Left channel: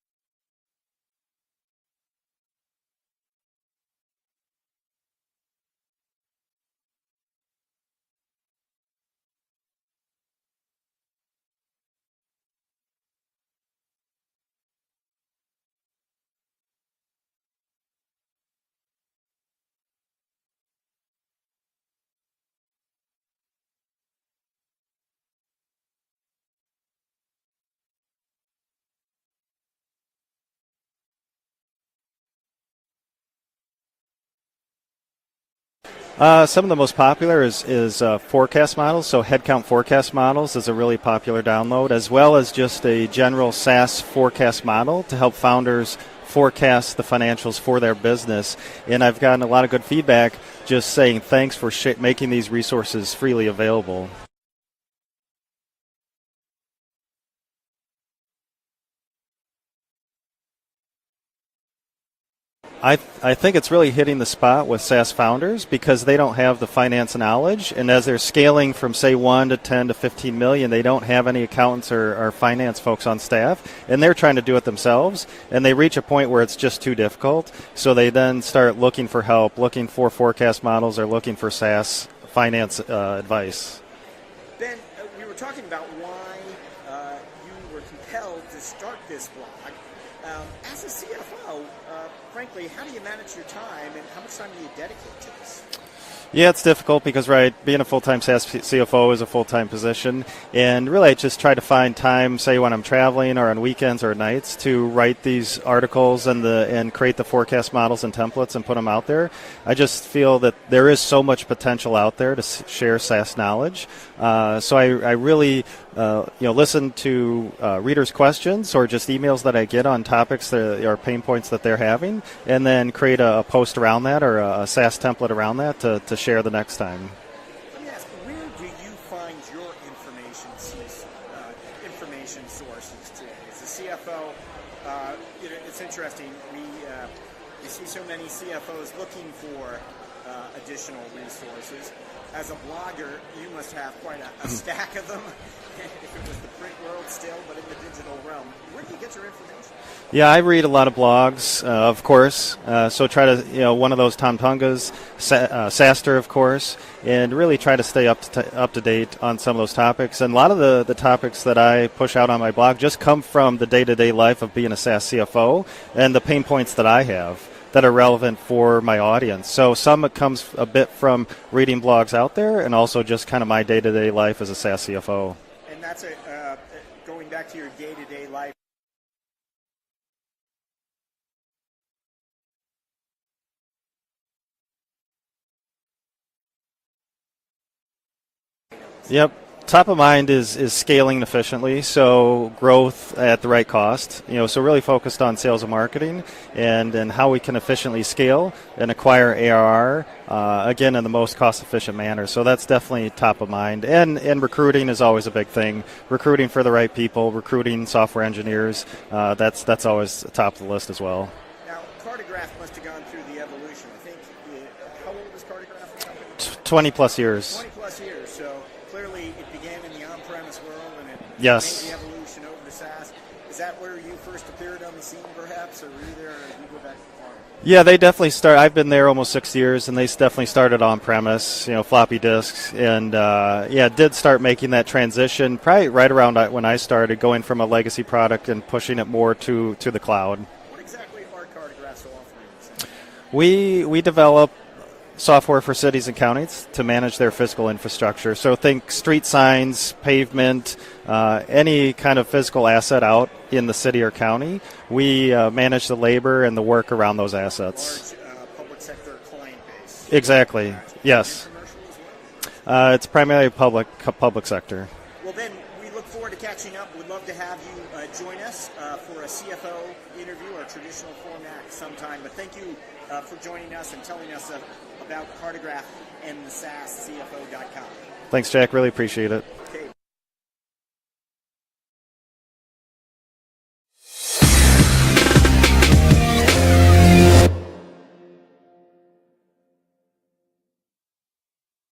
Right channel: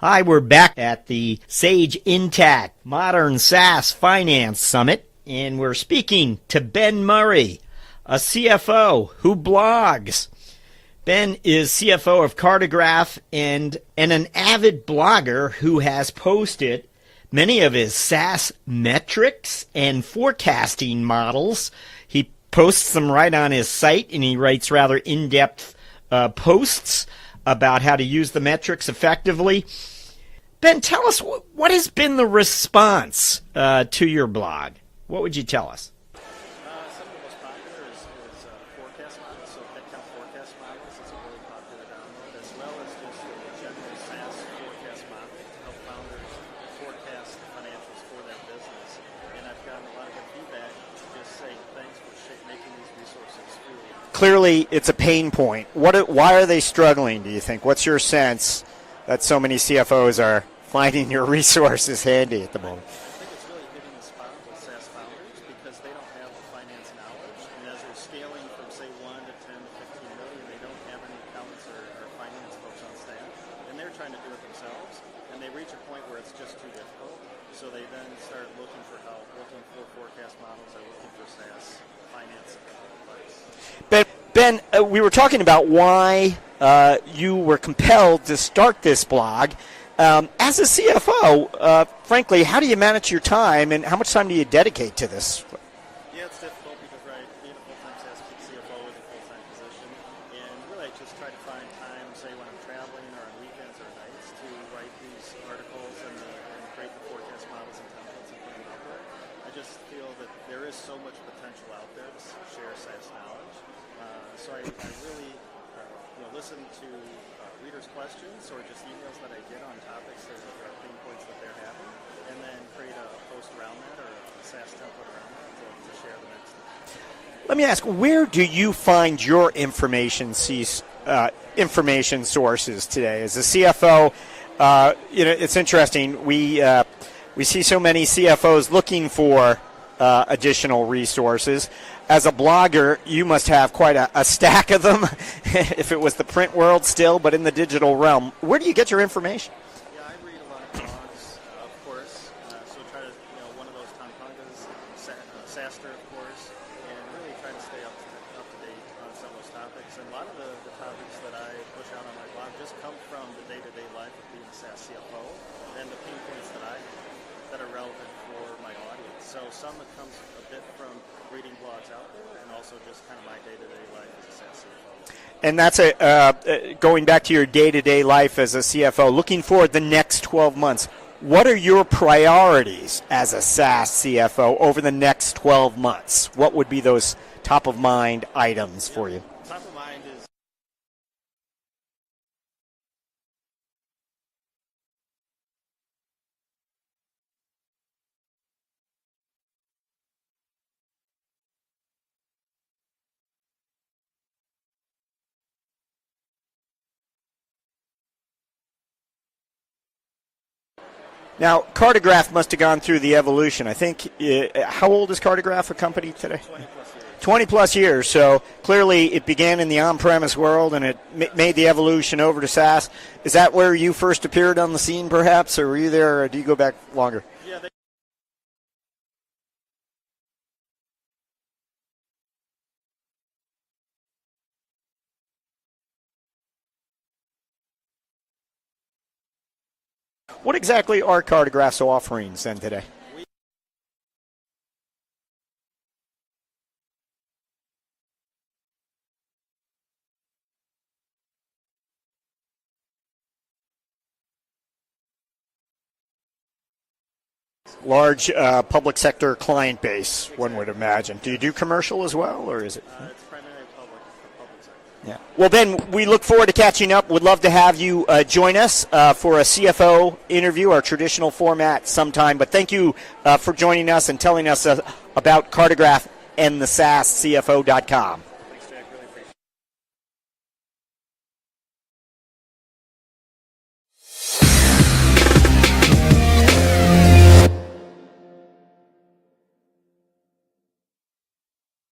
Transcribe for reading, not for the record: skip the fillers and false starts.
Hi, we're back at the Sage Intact Modern SaaS Finance Summit, and we're speaking to Ben Murray, a CFO who blogs. Ben is CFO of Cartegraph and an avid blogger who has posted many of his SaaS metrics and forecasting models. He posts them right on his site, and he writes rather in-depth posts about how to use the metrics effectively. Ben, tell us, what has been the response to your blog? What would you tell us? Some of the most popular is forecast models. So headcount forecast models is a really popular download, as well as just a general SaaS forecast model to help founders forecast the financials for their business. And I've gotten a lot of good feedback just saying thanks for making these resources freely available. Clearly, it's a pain point. Why are they struggling, do you think? What's your sense that so many CFOs are finding your resources handy at the moment? I think it's really hitting the spot with SaaS founders because they don't have the finance knowledge, and as they're scaling from say 1 to 10 to 15 million, they don't have any accountants or finance folks on staff, and they're trying to do it themselves, and they reach a point where it's just too difficult, so they then start looking for help, looking for forecast models, or looking for SaaS finance advice. Ben, we were talking about why you were compelled to start this blog. As a CFO, frankly, how do you manage your time, and how much time do you dedicate to this? Yeah, it's difficult because, being a full-time SaaS CFO is a full-time position, and really I just try to find time, say when I'm traveling or on weekends or nights, to write these articles and create the forecast models and templates and put them out there. I just feel that there is so much potential out there to share SaaS knowledge, so I really listen to readers' questions or just emails that I get on topics or pain points that they're having, and then create a post around that or a SaaS template around that to share the next time. Let me ask, where do you find your information sources today? As a CFO, it's interesting. We see so many CFOs looking for additional resources. As a blogger, you must have quite a stack of them, if it was the print world still, but in the digital realm. Where do you get your information? Yeah, I read a lot of blogs, of course, so try to, one of those Tom Tunga's, SaaStr, of course, and really try to stay up to date on some of those topics. And a lot of the topics that I push out on my blog just come from the day-to-day life of being a SaaS CFO and the pain points that I have that are relevant for my audience. So some it comes a bit from reading blogs out there, and also just kind of my day-to-day life as a SaaS CFO. And that's going back to your day-to-day life as a CFO, looking forward the next 12 months. What are your priorities as a SaaS CFO over the next 12 months? What would be those top-of-mind items for you? Yep. Top of mind is scaling efficiently, so growth at the right cost. So really focused on sales and marketing and how we can efficiently scale and acquire ARR, again, in the most cost-efficient manner. So that's definitely top of mind. And recruiting is always a big thing. Recruiting for the right people, recruiting software engineers, that's always top of the list as well. Now, Cartegraph must have gone through the evolution. I think, how old is Cartegraph a company today? 20 plus years. 20 plus years. So clearly it began in the on-premise world, and it made the evolution over to SaaS. Is that where you first appeared on the scene, perhaps, or were you there, or do you go back longer? Yeah, they definitely start. I've been there almost 6 years, and they definitely started on-premise, floppy disks, and did start making that transition probably right around when I started, going from a legacy product and pushing it more to the cloud. What exactly are Cartegraph's offerings then today? We develop software for cities and counties to manage their physical infrastructure. So think street signs, pavement, any kind of physical asset out in the city or county. We manage the labor and the work around those assets. Large public sector client base. Exactly. Yes. Do you do commercial as well? Or is it's primarily public sector. Yeah. Well, Ben, we look forward to catching up. Would love to have you join us for a CFO interview, our traditional format sometime. But thank you for joining us and telling us about Cartegraph and the SaaSCFO.com. Thanks, Jack. Really appreciate it.